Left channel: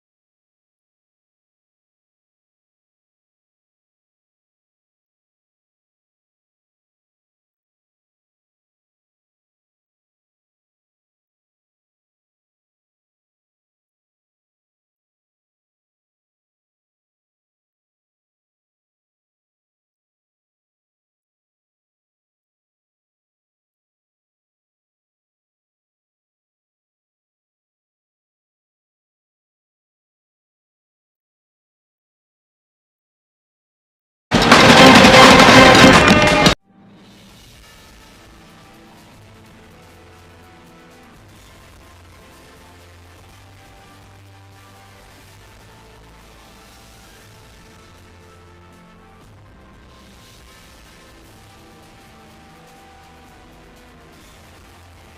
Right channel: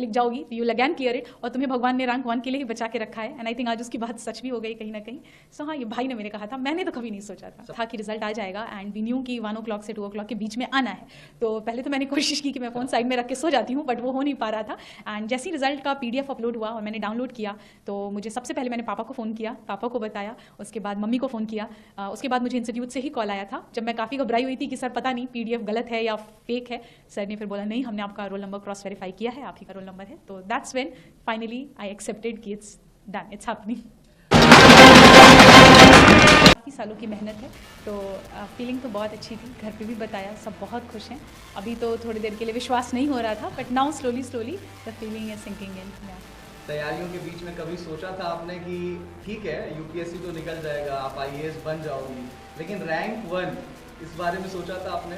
लिख जाओगी you will again clear it, और तुम्हें भगवान ने रैंक 1 के लिए ही बचा के रखा है। एंड आई थिंक आज उसकी बात सच भी हो गई कहीं ना कहीं। सो हाँ, ये भाई ने मेरे कहा था, मैंने तो कभी नहीं सोचा था कि रिजल्ट आ जाएगा। एंड वी न्यू कि 1 o'clock से 2 o'clock के बीच में आना है। तो पहले तो मैंने कोशिश की कि मैं फ़ोन साइड में रख के सो जाती हूँ, बट वो हो नहीं पा रहा था। एंड जैसे ही रिजल्ट का PDF अपलोड हुआ और मैंने डाउनलोड किया, तो मुझे सबसे पहले मैंने पापा को फ़ोन किया, पापा को बताया, उसके बाद मम्मी को फ़ोन किया, उसके बाद मुझे इंस्टीट्यूट से ही कॉल आया था, जब मैं काफ़ी घबराई हुई थी कि सर पता नहीं PDF गलत है या फेक है। सर ने फिर बोला नहीं, हमने आपका रोल नंबर क्रॉस वेरीफाई किया है, आप ही का रोल नंबर है। तो that's when finally I accepted कि इट्स डन, इट्स हैपनिंग। काफ़ी सालों की मेहनत है, तो फीलिंग तो बहुत अच्छी थी। घर पे भी बताया, सब बहुत खुश हैं। अभी तो थोड़ी देर के लिए विश्वास नहीं हो रहा था, but now slowly the feeling is sinking in. तैयारियों के बीच में कभी सोचा था आपने कि ठीक है UPSC तो निकल जाएगा, आप IAS बन जाओगी, लेकिन रैंक 1 इस बारे में सोचा था आपने?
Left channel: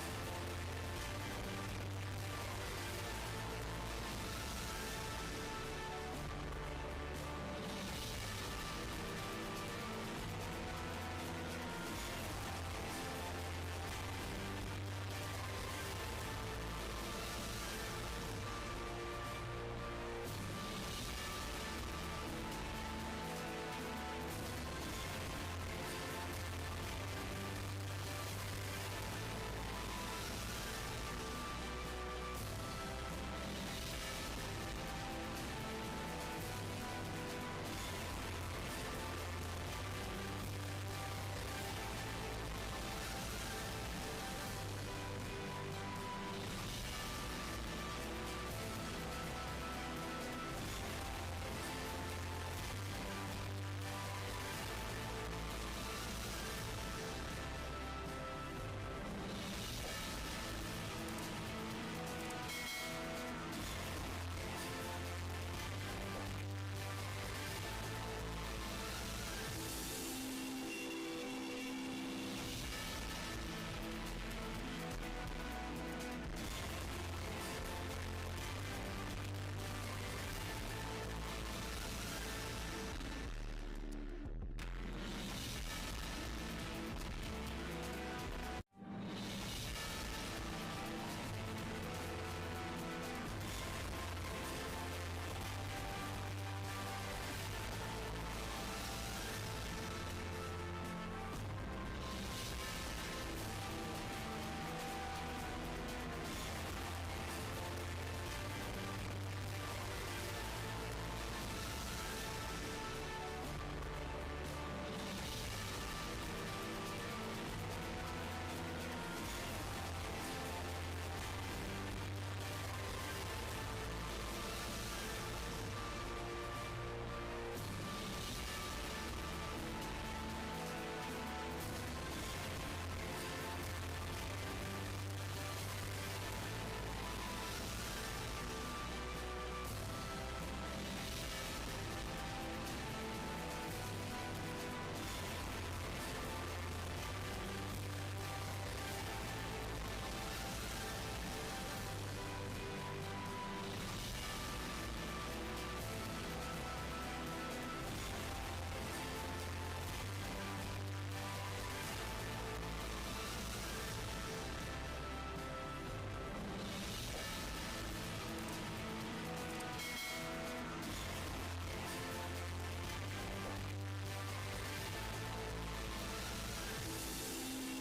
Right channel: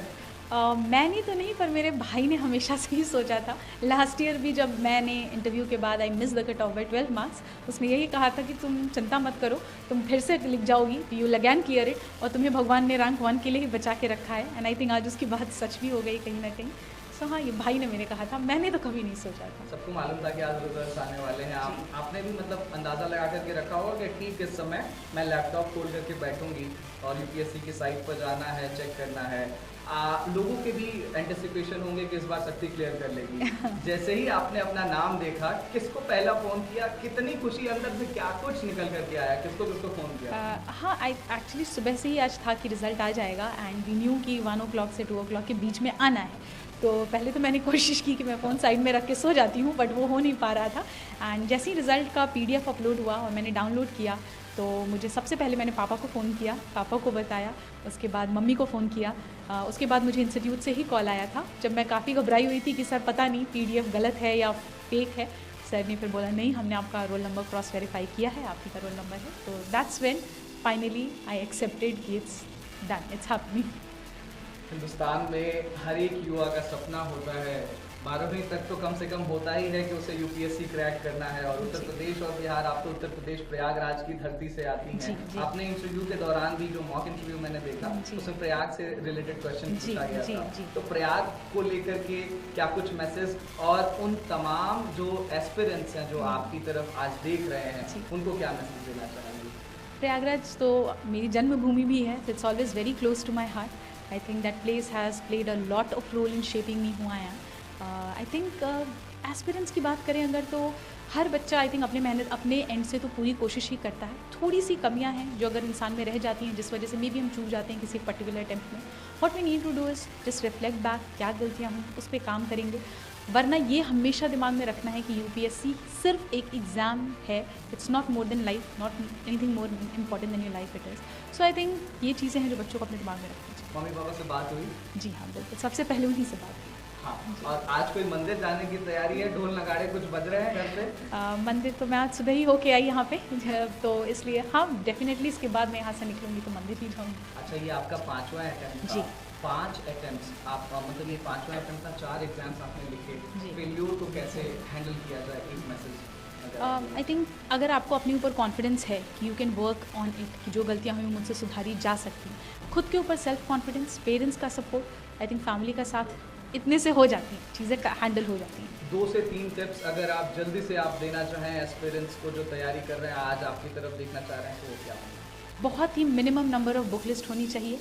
मैंने तो नहीं, पर मेरे भाई ने हमेशा से ही सोचा था। लास्ट ईयर भी जब मैंने इंटरव्यू के बाद I miss the cut off by 12 marks, उसने यही कहा था कि तुम चिंता मत करो, तुम फिर से लिख जाओगी, you will again clear it, और तुम्हें भगवान ने रैंक 1 के लिए ही बचा के रखा है। एंड आई थिंक आज उसकी बात सच भी हो गई कहीं ना कहीं। सो हाँ, ये भाई ने मेरे कहा था, मैंने तो कभी नहीं सोचा था। सबको मालूम था कि आज रिजल्ट आने वाले हैं, आपने भी मतलब अंदाज़ा लगा करके रखा होगा कि ठीक इस समय मैं लैपटॉप खोल करके बैठूंगी और UPSC की साइट पर जाना है, चेक करना है। लोगों के भी एंटिसिपेशन होंगे कि इस बार शक्ति क्लियर कर लेगी। जैसे ही आपने अपना नाम देखा, किसको पहला फ़ोन किया, कितनी खुशी अंदर से, क्या कुछ निकल करके आया, किसको किसको फ़ोन किया? हाँ, आई एक्चुअली सुबह से ही आज था कि रिज़ल्ट आ जाएगा। एंड वी न्यू कि 1 o'clock से 2 o'clock के बीच में आना है। तो पहले तो मैंने कोशिश की कि मैं फ़ोन साइड में रख के सो जाती हूँ, बट वो हो नहीं पा रहा था। एंड जैसे ही रिज़ल्ट का PDF अपलोड हुआ और मैंने डाउनलोड किया, तो मुझे सबसे पहले मैंने पापा को फ़ोन किया, पापा को बताया, उसके बाद मम्मी को फ़ोन किया, उसके बाद मुझे इंस्टीट्यूट से ही कॉल आया था, जब मैं काफ़ी घबराई हुई थी कि सर पता नहीं PDF गलत है या फेक है। सर ने फिर बोला नहीं, हमने आपका रोल नंबर क्रॉस वेरीफाई किया है, आप ही का रोल नंबर है। तो that's when finally I accepted कि it's done, it's happening. Hindustan में हर एक युवा का सपना होता है, 12वीं तक तो कम से कम होता ही है कि उसे UPSC क्रैक करना है। और उत्तर प्रदेश और बिहार, आप तो उत्तर प्रदेश प्रयागराज की धरती से आती हैं। आपने इंटरव्यू के दौरान भी, जो मॉक इंटरव्यू मैंने देखा, उसमें प्रयाग से रिलेटेड क्वेश्चन पूछा गया था। तो प्रयाग को लेकर के क्या कुछ मैसेज, और उन तमाम जो एस्पिरेंट्स हैं जो आपकी तरफ आज देख रहे हैं, उनको क्या मैसेज देना चाहेंगे? प्रयागराज तो मेरी जन्मभूमि भी है, it's always very close to my heart. I think that place has played a lot of role in shaping me who I am. I think aspirants की बात करें अगर, तो हर बच्चा आई थिंक अपने एंड से तो पूरी कोशिश ही करता है। थोड़ी सी कमियां हैं जो अगर इंसान में रह जाती हैं, जिस वजह से मे बी हम चूक जाते हैं किसी पर्टिकुलर अटेम्प्ट में। What we need to do is just reflect back, क्या गलतियाँ हैं उस पर काम करेंगे। वरना ये हमेशा दिमाग में रखना है कि UPSC सिर्फ एक एग्ज़ाम है, it's not more than life, not anything more important than your life it is. So I think ये चीज़ें हैं जो बच्चों को अपने दिमाग में रखना चाहिए। मम्मी पापा से बात हुई? जी हाँ, बिल्कुल, सबसे पहले उन्हीं से बात। हाँ, और आज कोई मंदिर जाने की तैयारी है? ढोल नगाड़े कुछ बज रहे हैं घर से? मंदिर तो मैं आज सुबह ही होके आई यहाँ पे, तो इसलिए हाँ डेफिनेटली इसके बाद मैं यहाँ से निकलूँगी तो मंदिर ही जाऊँगी। अच्छा, ये आपका 5वां अटेम्प्ट? जी, 5 अटेम्प्ट आपका, मतलब ये 5वां अटेम्प्ट था, 4 एग्जाम्स आपने लिखे। फेल्योर को कैसे हैंडल किया जाए, एक मैसेज? आई थिंक अगर आपको अपने ऊपर कॉन्फिडेंस है, you can work on it, जो गलतियाँ हुई मुझसे सुधारी जा सकती हैं। खुद के ऊपर सेल्फ कॉन्फिडेंस, पेरेंट्स का सपोर्ट, आई थिंक फैमिली का साथ, इतने से हो जाती हैं चीज़ें, हैंडल हो जाती हैं। 2 से 3 टिप्स अगर आप जल्दी से आप देना चाहें एस्पिरेंट्स को जो तैयारी कर रहे हैं, आज आपकी तरफ देखना चाह रहे हैं, तो क्या? बहुत ही minimum number of book list होनी चाहिए।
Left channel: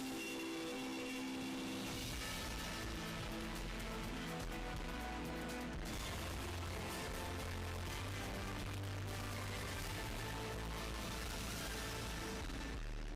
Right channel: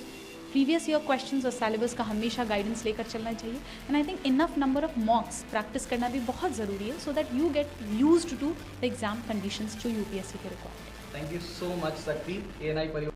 प्रीवियस ईयर क्वेश्चंस और सिलेबस का हमेशा गाइडेंस लेकर चलना चाहिए। And I think enough number of mocks practice करना भी बहुत ज़रूरी है, so that you get used to the exam conditions जो UPSC के record. Thank you so much Shakti, ANI परिवार।